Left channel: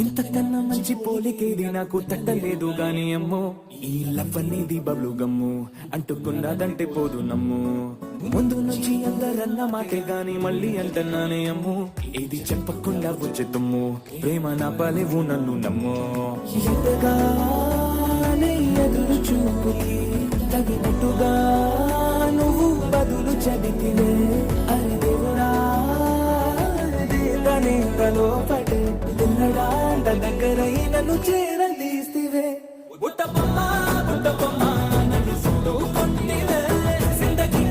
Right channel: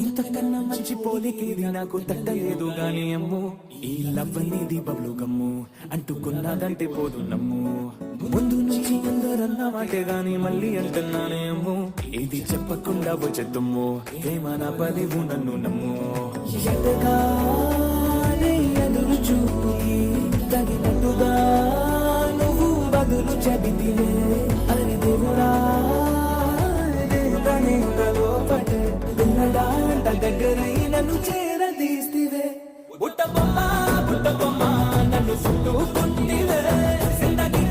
ఇంతకన్నా మంచి పోలికేది నాకు తట్టలేదు గాని అమ్మో ఈ లవ్ అనేది బబ్లు గమ్ము అంటుకున్నదంటే పోదు నమ్ము ముందు నుంచి అందరన్న మాటే గాని మళ్ళీ అంటున్నానే అమ్ము ఇది చెప్పకుండా వచ్చేద్దుమ్ము ప్రేమ నా పనివు నన్ను నమ్ము ఎటగానే ఎదురు చూపి తగినట్టుగా నువ్వు బదులు చెబితివే అని దేవుడా నీడలో పడే పిల్లడాంట దగ్గరై నన్ను చేరదీస్తివే బుట్ట బొమ్మ నన్ను చుట్టూ కొట్టివే జిందగీ